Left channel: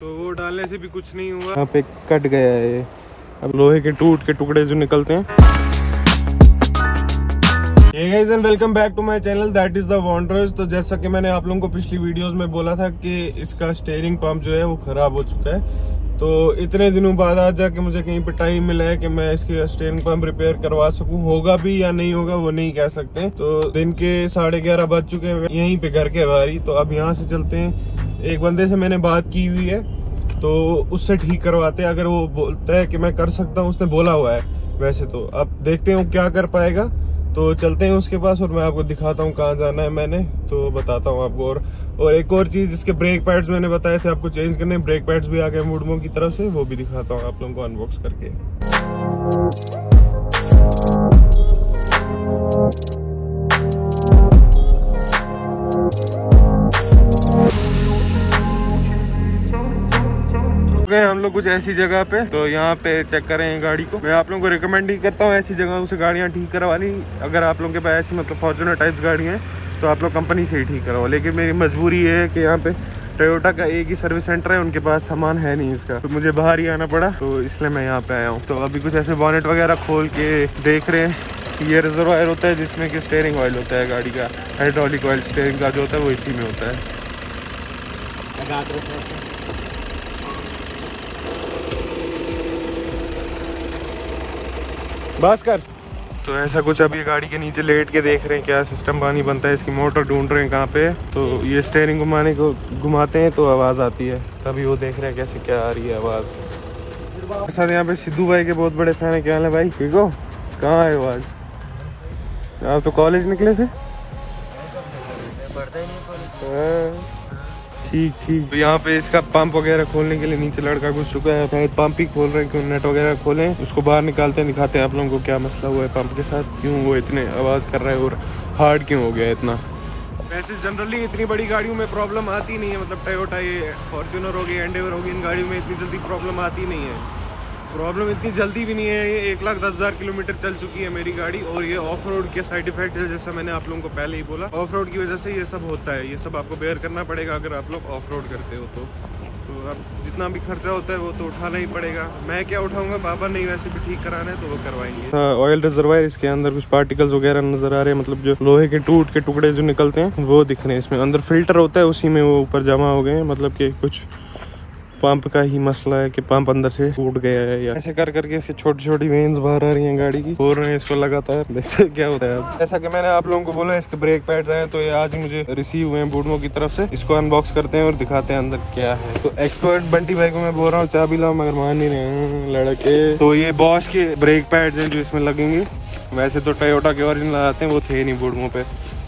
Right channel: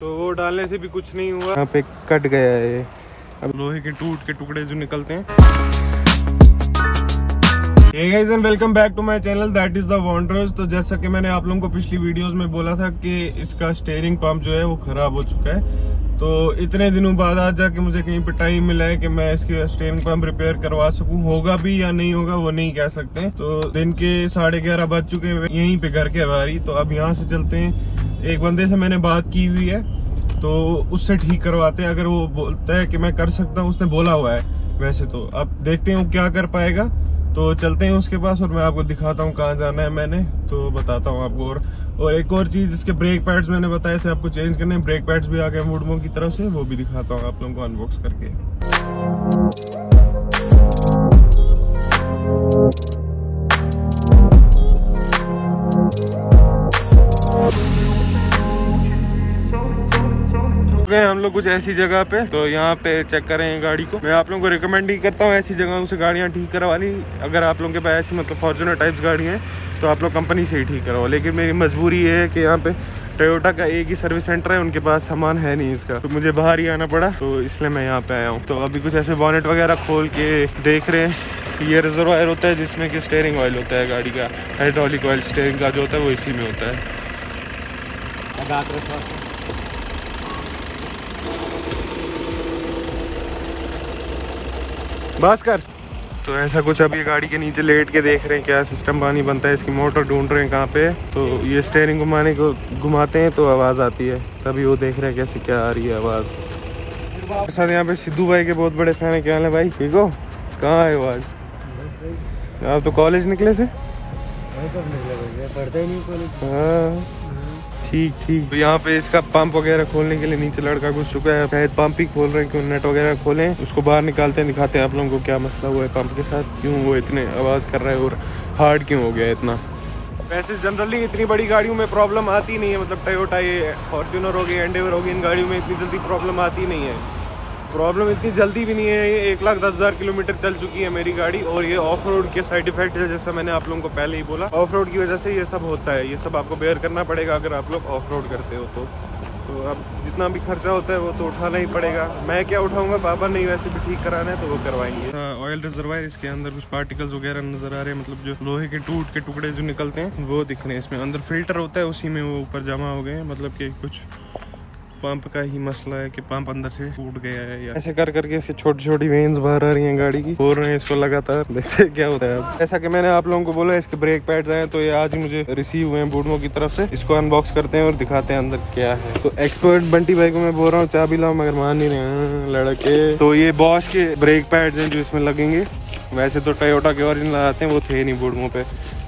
तो वो डालने से भी कुछ नहीं हुआ, यहाँ पे कट गया है ये। अब लोहे के टूट के टुकड़े जो निकलते हैं। Hey guys and welcome back to my channel that is the Wanderers। तो जैसा कि मैंने आप लोगों को पिछली वीडियोस में बोला था कि इसका स्टीयरिंग पंप जो है वो खराब हो चुका है। तो इतने दिनों बाद आज जाके मुझे कहीं पे टाइम मिला है कि मैं इसकी स्टीयरिंग पंप रिपेयर करवा सकूं। होगा भी या नहीं होगा वो नहीं कह सकते। तो दिन के 11:30 बज चुके हैं यहीं पे घर के बाहर। तो अब यहाँ से चलते हैं। एक बंदे से मैंने बात की हुई है तो उससे ठीक करवाते हैं। अगर वो बोलता है कि मैं कर सकता हूँ, उसने बोला हुआ है वैसे। तो अब देखते हैं वो क्या कर पाएगा। तो चलते हैं उसके पास और मैं आपको दिखाता हूँ कहाँ जाना है मैंने, तो बताता हूँ आपको। और एक और चीज, इसके ब्रेक पैड्स मैंने बताए थे आपको चेंज करने। ब्रेक पैड्स भी आ गए वुडमो की तरफ से, वो भी दिखाता हूँ आप लोगों को अनबॉक्स करके। हम लोग कुछ ऐसी जगह पे, तो यहाँ पे चेक करें गाड़ी को। मैं आप लोगों को रिकमेंड ही करता हूँ ऐसी जगहों से गाड़ियाँ ठीक करवानी। अगर आप लोगों के पास ऐसी मतलब फॉर्च्यूनर टाइप्स गाड़ी हैं तो आप लोग कंपनी से ही ठीक करवाओ। लेकिन मेरी मजबूरी है कि यहाँ पे टोयोटा का एक ही सर्विस सेंटर है, उनके पास सामान है नहीं इसका, तो मुझे बाहर ही आना पड़ा। तो इसलिए मैं यहाँ पे आया हूँ। तो अभी कुछ ऐसे बॉनेट वगैरह खोल के देख रहे हैं। ये रिजर्वायर होता है जिसमें कि स्टीयरिंग ऑयल होता है गाड़ी का। हाइड्रोलिक ऑयल स्टीयरिंग का जो होता है वो इसी में होता है। बस कर। ऐसा कुछ अभी गाड़ी के नीचे लेट के देख रहे हैं क्या सिस्टम पानी बनता है। इसकी मोटर ढूंढ रहे हैं कहाँ पे। तो ये स्टीयरिंग घुमाने को घुमाते हैं तो आवाज़ आती है। अभी वो देख रहे हैं कैसे क्या आ रही है आवाज़। सर यहाँ पे सिद्धू भाई के बहुत बड़े फैन है। क्या हाल है भाई, ठीक हो? कहाँ है आवाज़? आप तो कॉलेज निकले थे? पढ़ते ही नहीं कॉलेज। ठीक ठीक। यहाँ पे इसका पंप वगैरह खोलने के लिए नीचे लड़का घुस चुका है। शायद पंप ही खोल रहे हैं, क्यों नेट वगैरह खोलें। इसको बाहर निकालते हैं, दिखाते हैं आप लोगों को क्या मसला हुआ है पंप के साथ, क्यों वो इतने आवाज़ कर रहा है और हार्ड क्यों हो गया इतना। वैसे जनरली इतनी बड़ी गाड़ियों में प्रॉब्लम आती नहीं है। मतलब टोयोटा, ये फॉर्च्यूनर होगी, एंडेवर होगी, इन गाड़ियों में इतनी जल्दी प्रॉब्लम आती नहीं है। प्रॉब्लम इतनी जल्दी भी नहीं है। ये 1,10,000 किलोमीटर चल चुकी है मेरी गाड़ी। और ये ऑफ रोड के साइड इफेक्ट है, जैसा मैंने आप लोगों को पहले ही बोला। ऑफ रोड की वजह से ये सब होता है। ये सब आपको बेयर करना पड़ेगा अगर आप लोग ऑफ रोड करते हो तो अब जितना भी खर्चा होता है वो तो उठाना ही पड़ेगा। मैं क्या उठाऊंगा, पापा नहीं वैसे भी ठीक कराना है तो वो करवाएंगे। ऑयल रिजर्वायर, इसके अंदर कुछ पार्टिकल्स वगैरह नजर आ रहे हैं। मतलब जो लोहे के टूट के टुकड़े जो निकलते हैं वो दिख रहे हैं इसमें। अंदर फिल्टर होता है, उसी में वो ऊपर जमा हो गए हैं। मतलब कि कुछ पंप का ही मसला है कि पंप अंदर से टूट गया है। या कर करके छोटी छोटी वेन्स बाहर आ रही हैं गाड़ी की, हो रहे हैं इसको लगातार। देखते क्या हो रहा है। जैसा कि मैंने आप लोगों को बोला इसके ब्रेक पैड्स हैं, तो ये आज मुझे रिसीव हुए हैं वुडमो की तरफ से। इसको अनबॉक्स करते हैं और दिखाते हैं अंदर क्या है। तो एक्सपर्ट बंटी भाई को मैं बोल रहा हूँ चाबी लाओ, मगर मान नहीं रहे हैं लड़के। तो ये बॉश के ब्रेक पैड्स हैं जो इसमें लगेंगे। वैसे तो टोयोटा के ओरिजिनल आते हैं, वो थे नहीं वुडमो पे,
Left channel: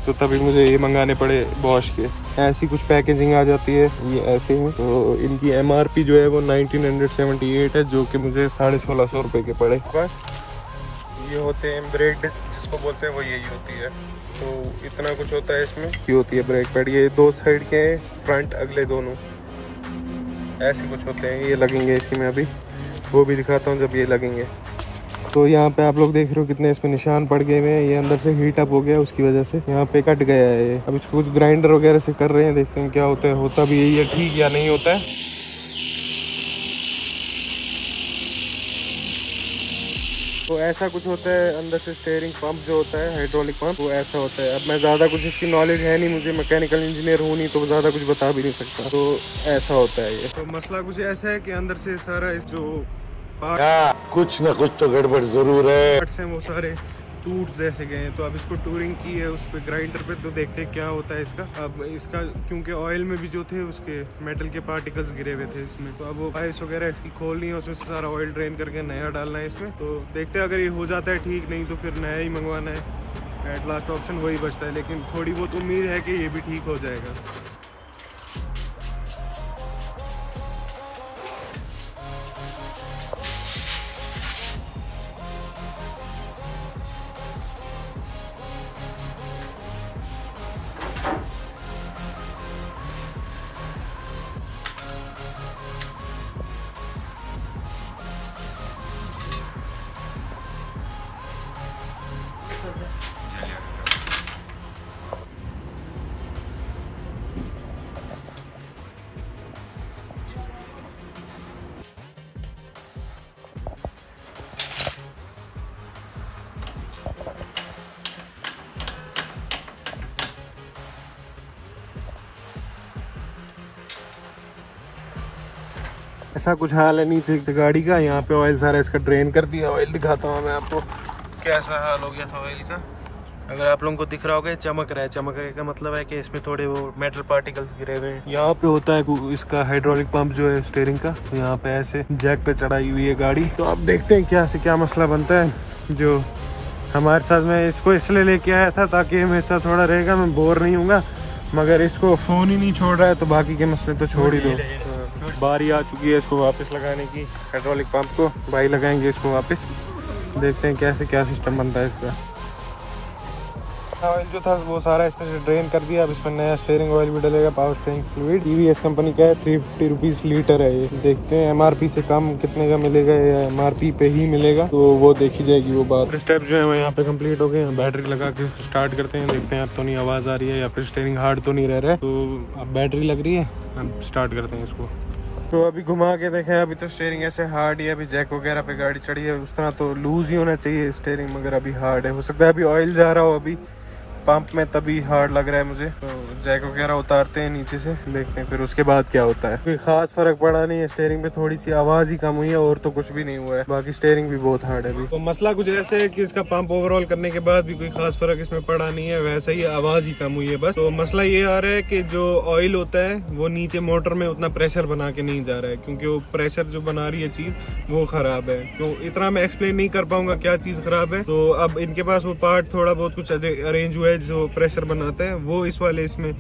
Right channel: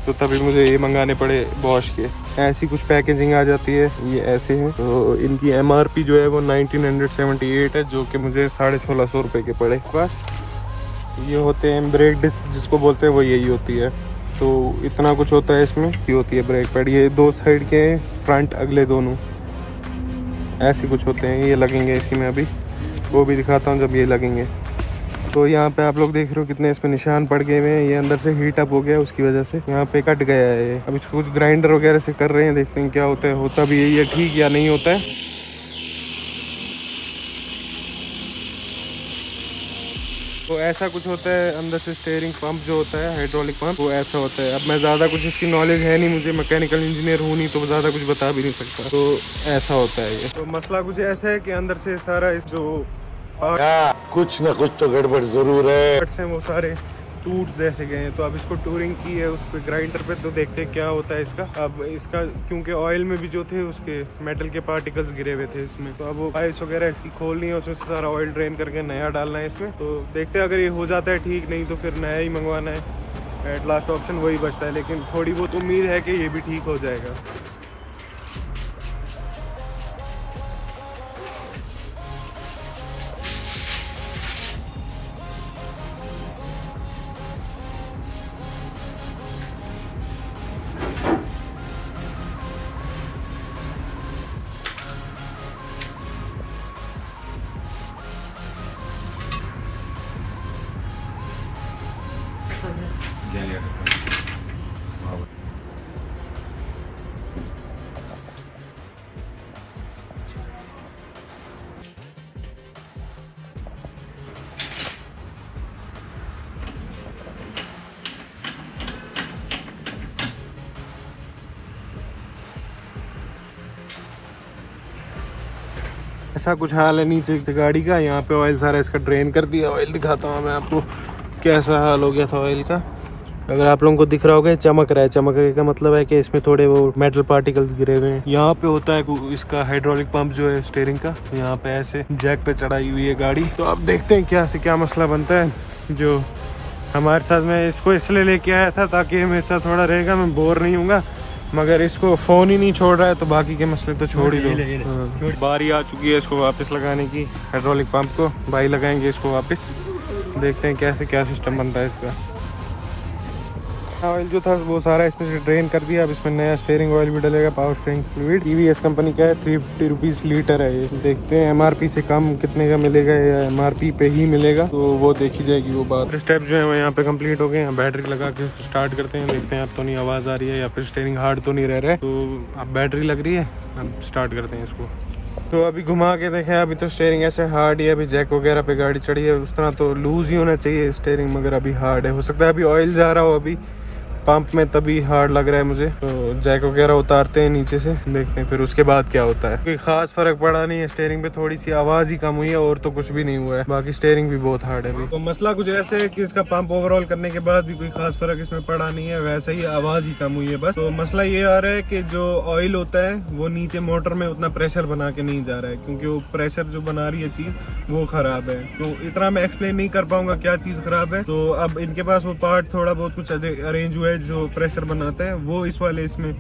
तो तभी मुझे ये मंगाने पड़े बॉश के। ऐसी कुछ पैकेजिंग आ जाती है, ये ऐसे है। तो इनकी MRP जो है वो 1978 है, जो कि मुझे 1650 रुपये की पड़े। बस ये होते हैं ब्रेक डिस्क जिसको बोलते हैं, वो यही होती है। तो इतना कुछ होता है इसमें। ये होती है ब्रेक पैड, ये दो साइड के हैं, फ्रंट अगले दोनों ऐसे कुछ होते हैं। ये लगेंगे इसी में, अभी वो भी दिखाता हूँ जब ये लगेंगे। तो यहाँ पे आप लोग देख रहे हो कितने इसमें निशान पड़ गए हुए हैं। ये अंदर से हीट अप हो गया, उसकी वजह से यहाँ पे कट गया है ये। अब इसको कुछ ग्राइंडर वगैरह से कर रहे हैं, देखते हैं क्या होता है। होता भी यही है ठीक या नहीं होता है। तो ऐसा कुछ होता है अंदर से। स्टीयरिंग पंप जो होता है, हाइड्रोलिक पंप, वो ऐसा होता है। अब मैं ज़्यादा कुछ इसकी नॉलेज है नहीं, मुझे मैकेनिकल इंजीनियर हूँ नहीं, तो ज़्यादा कुछ बता भी नहीं सकता। तो ऐसा होता है ये। तो मसला कुछ ऐसा है कि अंदर से सारा इस जो कुछ ना कुछ तो गड़बड़ जरूर है। वो सारे टूट जैसे गए हैं। तो अब इसको टूरिंग की है उस पे ग्राइंडर पे, तो देखते हैं क्या होता है इसका। अब इसका क्योंकि ऑयल में भी जो थे उसके मेटल के पार्टिकल्स गिरे हुए थे इसमें, तो अब वो पाइप्स वगैरह इसकी खोलनी है, उसमें से सारा ऑयल ड्रेन करके नया डालना है इसमें। तो देखते हैं, अगर ये हो जाता है ठीक, नहीं तो फिर नया ही मंगवाना है। एट लास्ट ऑप्शन वही बचता है, लेकिन थोड़ी बहुत उम्मीद है कि ये भी ठीक हो जाएगा। ऐसा कुछ हाल है नीचे गाड़ी का। यहाँ पे ऑयल सारा इसका ड्रेन कर दिया। ऑयल दिखाता हूँ मैं आपको कैसा हाल हो गया था ऑयल का। अगर आप लोगों को दिख रहा होगा चमक रहा है। चमकने का मतलब है कि इसमें थोड़े वो मेटल पार्टिकल्स गिरे हुए हैं। यहाँ पे होता है इसका हाइड्रोलिक पंप जो है स्टीयरिंग का। यहाँ पे ऐसे जैक पे चढ़ाई हुई है गाड़ी। तो अब देखते हैं क्या से क्या मसला बनता है जो हमारे साथ। मैं इसको इसलिए लेके आया था ताकि मेरे साथ थोड़ा रहेगा, मैं बोर नहीं हूँगा। मगर इसको फ़ोन ही नहीं छोड़ रहा है तो बाकी के मसले तो छोड़ ही दो। बारी आ चुकी है इसको वापस लगाने की, हाइड्रोलिक पंप को। भाई लगाएंगे इसको वापस, देखते हैं कैसे क्या सिस्टम बनता है इसका। ऑयल जो था वो सारा इसमें से ड्रेन कर दिया। अब इसमें नया स्टीयरिंग ऑयल भी डलेगा, power steering fluid. TVS company का है, 350 रुपीज़ लीटर है ये। देखते हैं MRP से कम कितने का मिलेगा या MRP पे ही मिलेगा, तो वो देखी जाएगी वो बात। स्टेप्स जो है यहाँ पे कंप्लीट हो गए। बैटरी लगा के स्टार्ट करते हैं, देखते हैं अब तो नहीं आवाज़ आ रही है या फिर स्टीयरिंग हार्ड तो नहीं रह रहा है। तो अब बैटरी लग रही है, अब स्टार्ट करते हैं इसको। तो अभी घुमा के देखें, अभी तो स्टीयरिंग ऐसे हार्ड ही है। अभी जैक वगैरह पे गाड़ी चढ़ी है, उस तरह तो लूज ही होना चाहिए स्टीयरिंग, मगर अभी हार्ड है। हो सकता है अभी ऑयल जा रहा हो अभी पंप में, तभी हार्ड लग रहा है मुझे। तो जैक वगैरह उतारते हैं नीचे से, देखते हैं फिर उसके बाद क्या होता है। कोई खास फर्क पड़ा नहीं है स्टीयरिंग पे, थोड़ी सी आवाज ही कम हुई है और तो कुछ भी नहीं हुआ है। बाकी स्टीयरिंग भी बहुत हार्ड है। तो मसला कुछ ऐसे है कि इसका पंप ओवरऑल करने के बाद भी कोई खास फर्क इसमें पड़ा नहीं है, वैसे ही आवाज ही कम हुई है बस। तो मसला ये आ रहा है कि जो ऑयल होता है वो नीचे मोटर में उतना प्रेशर बना के नहीं जा रहा है, क्योंकि वो प्रेशर जो बना रही है चीज वो खराब है। तो इतना मैं एक्सप्लेन नहीं कर पाऊंगा क्या चीज खराब है। तो अब इनके पास वो पार्ट थोड़ा बहुत कुछ अरेंज हुआ है जो प्रेशर बनाता है, वो इस वाले इसमें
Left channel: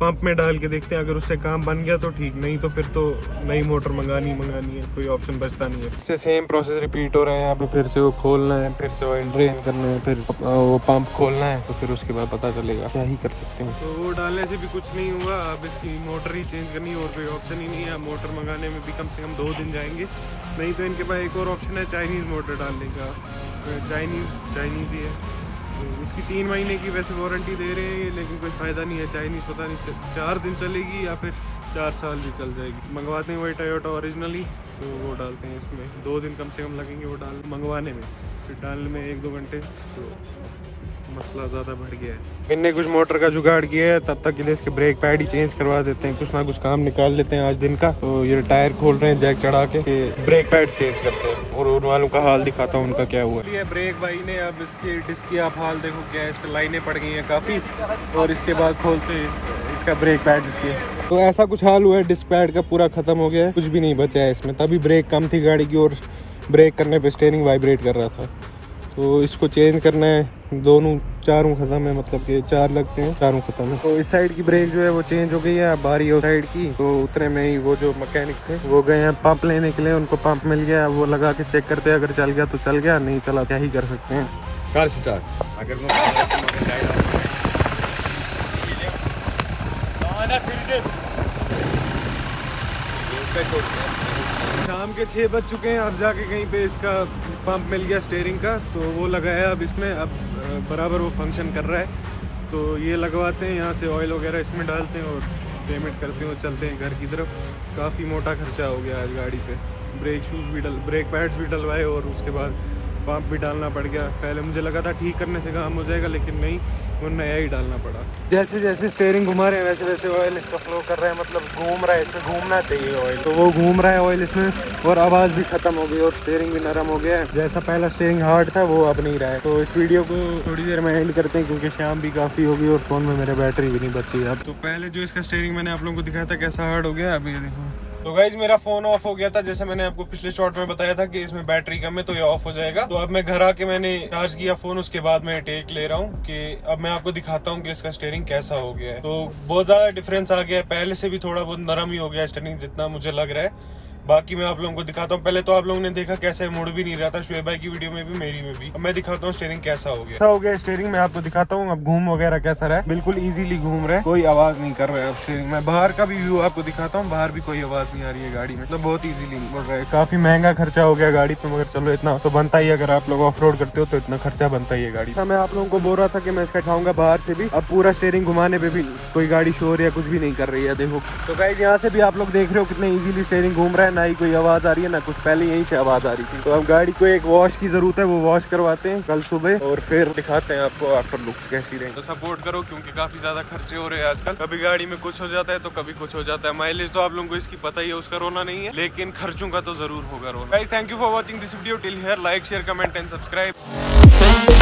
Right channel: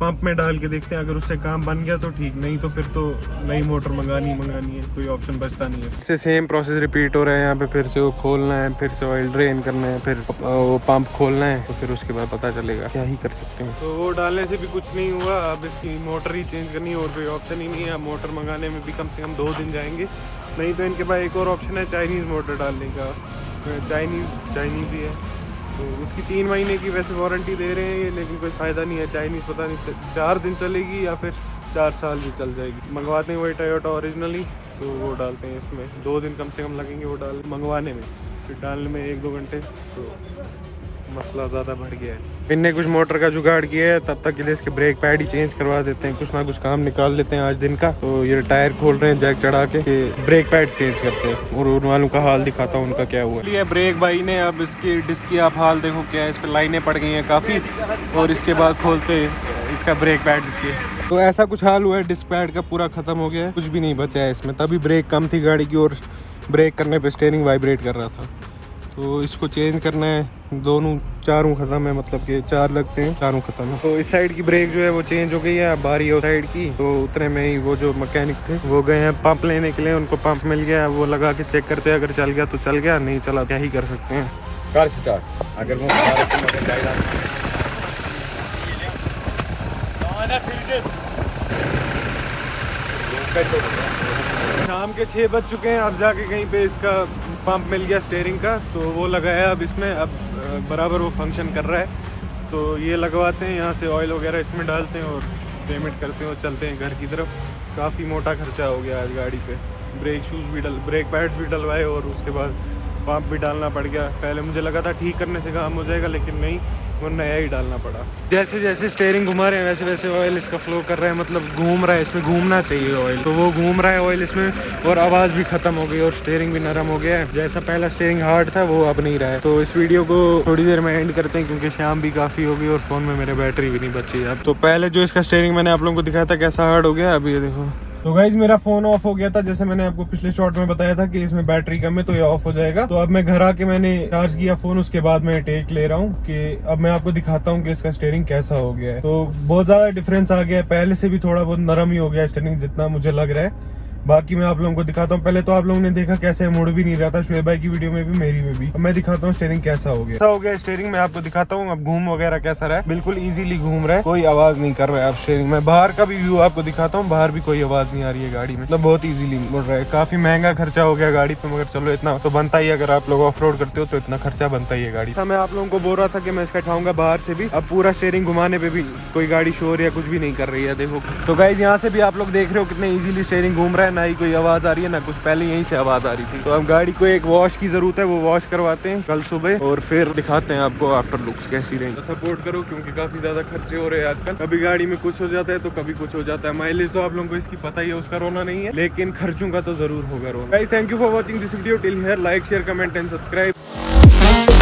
पंप में डाल के देखते हैं। अगर उससे काम बन गया तो ठीक, नहीं तो फिर तो नई मोटर मंगानी है, कोई ऑप्शन बचता नहीं है। इससे सेम प्रोसेस रिपीट हो रहा है। यहाँ पे फिर से वो खोलना है, फिर से ऑयल ड्रेन करना है, फिर वो पंप खोलना है, तो फिर उसके बाद पता चलेगा क्या ही कर सकते हैं। तो वो डालने से भी कुछ नहीं हुआ, अब इसकी मोटर ही चेंज करनी है और कोई ऑप्शन ही नहीं है। मोटर मंगाने में भी कम से कम 2 दिन जाएंगे। नहीं तो इनके पास एक और ऑप्शन है चाइनीज़ मोटर डालने का। चाइनीज़ ही है, तो उसकी 3 महीने की वैसे वारंटी दे रहे हैं ये, लेकिन कोई फ़ायदा नहीं है। चाइनीज़ पता नहीं 4 दिन चलेगी या फिर 4 साल भी चल जाएगी। मंगवाते हैं वही टोयोटा ओरिजिनली, तो वो डालते हैं इसमें। 2 दिन कम से कम लगेंगे वो मंगवाने में, फिर डालने में 1-2 घंटे। तो मसला ज़्यादा बढ़ गया है। इनने कुछ मोटर का जुगाड़ किया है, तब तक के लिए इसके ब्रेक पैड ही चेंज करवा देते हैं। कुछ ना कुछ काम निकाल लेते हैं आज दिन का। तो ये टायर खोल रहे हैं जैक चढ़ा के, ब्रेक पैड चेंज करते हैं। और उन वालों का हाल दिखाता हूँ उनका क्या हुआ। ये ब्रेक भाई ने अब इसकी डिस्क की आप हाल देखो क्या है, इस पर लाइनें पड़ गई हैं काफ़ी। और इसके बाद खोलते हैं इसका ब्रेक पैड। तो ऐसा कुछ हाल हुआ है, डिस्क पैड का पूरा खत्म हो गया है, कुछ भी नहीं बचा है इसमें। तभी ब्रेक कम थी गाड़ी की और ब्रेक करने पे स्टीयरिंग वाइब्रेट कर रहा था। तो इसको चेंज करना है। चारों खत्म है, मतलब कि 4 लगते हैं, चारों खत्म है। तो इस साइड की ब्रेक जो है वो चेंज हो गई है, बारी हो साइड की। तो उतरे में ही वो जो मैकेनिक थे वो गए हैं पंप लेने के लिए, उनको पंप मिल गया, वो लगा के चेक करते हैं। अगर चल गया तो चल गया, नहीं चला क्या ही कर सकते हैं। कार स्टार्ट अगर वो शाम के 6 बज चुके हैं। अब जाके कहीं पे इसका पंप मिल गया स्टीयरिंग का, तो वो लगाया अब इसमें। अब बराबर वो फंक्शन कर रहा है। तो ये लगवाते हैं, यहाँ से ऑयल वगैरह इसमें डालते हैं और पेमेंट करते हैं और चलते हैं घर की तरफ। काफ़ी मोटा खर्चा हो गया आज गाड़ी पे। ब्रेक पैड्स भी डलवाए और उसके बाद पंप भी डालना पड़ गया। पहले मुझे लगा था ठीक करने से काम हो जाएगा, लेकिन नहीं, वो नया ही डालना पड़ा। जैसे जैसे स्टीयरिंग घुमा रहे हैं वैसे वैसे ऑयल इसका फ्लो कर रहा है, मतलब घूम रहा है। इसमें घूमना चाहिए ऑयल, तो वो घूम रहा है ऑयल इसमें। और आवाज़ भी ख़त्म हो गई और स्टीयरिंग भी नरम हो गया है। जैसा पहला स्टीयरिंग हार्ड था वो अब नहीं रहा है। तो इस वीडियो को थोड़ी देर में एंड करते हैं, क्योंकि शाम भी काफ़ी हो गई और फ़ोन में मेरे बैटरी भी नहीं बची अब। तो पहले जो इसका स्टीयरिंग मैंने आप लोगों को दिखाया था कैसा हार्ड हो गया, अभी ये देखो। तो गाइज मेरा फोन ऑफ हो गया था, जैसे मैंने आपको पिछले शॉट में बताया था कि इसमें बैटरी कम है तो ये ऑफ हो जाएगा। तो अब मैं घर आके मैंने चार्ज किया फोन, उसके बाद मैं टेक ले रहा हूँ कि अब मैं आपको दिखाता हूँ कि इसका स्टीयरिंग कैसा हो गया है। तो बहुत ज्यादा डिफरेंस आ गया है, पहले से भी थोड़ा बहुत नरम ही हो गया स्टीयरिंग जितना मुझे लग रहा है। बाकी मैं आप लोगों को दिखाता हूँ। पहले तो आप लोगों ने देखा कैसे मुड़ भी नहीं रहा था, शोएब भाई की वीडियो में भी, मेरी में भी। अब मैं दिखाता हूँ स्टीयरिंग कैसा हो गया। स्टीयरिंग मैं आपको दिखाता हूँ। अब घूम वगैरह कैसा रहा है, बिल्कुल इजीली घूम रहा है, कोई आवाज नहीं कर रहा है अब स्टीयरिंग में। बाहर का भी व्यू आपको दिखाता हूँ, बाहर भी कोई आवाज नहीं आ रही है गाड़ी में, मतलब बहुत इजीली मुड़ रहा है। काफी महंगा खर्चा हो गया गाड़ी पे, मगर चलो इतना तो बनता ही। अगर आप लोग ऑफ रोड करते हो तो इतना खर्चा बनता ही है गाड़ी। मैं आप लोगों को बोल रहा था कि मैं इसका उठाऊंगा बाहर से भी। अब पूरा स्टीयरिंग घुमाने पे भी कोई गाड़ी शोर या कुछ भी नहीं कर रही है, देखो। तो गाइस यहाँ से भी आप लोग देख रहे हो कितने इजीली स्टीयरिंग घूम रहा है, ना ही कोई आवाज आ रही है ना कुछ, पहले यहीं से आवाज आ रही थी। तो अब गाड़ी को एक वॉश की जरूरत है, वो वॉश करवाते हैं कल सुबह और फिर दिखाते हैं आपको आफ्टर लुक्स कैसी रही। तो सपोर्ट करो क्योंकि काफी ज्यादा खर्चे हो रहे हैं आजकल, कभी गाड़ी में कुछ हो जाता है तो कभी कुछ हो जाता है। माइलेज तो आप लोगों को इसकी पता ही है, उसका रोना नहीं है, लेकिन खर्चों का तो जरूर होगा रोना। Guys thank you for watching this video till here, like share comment and subscribe.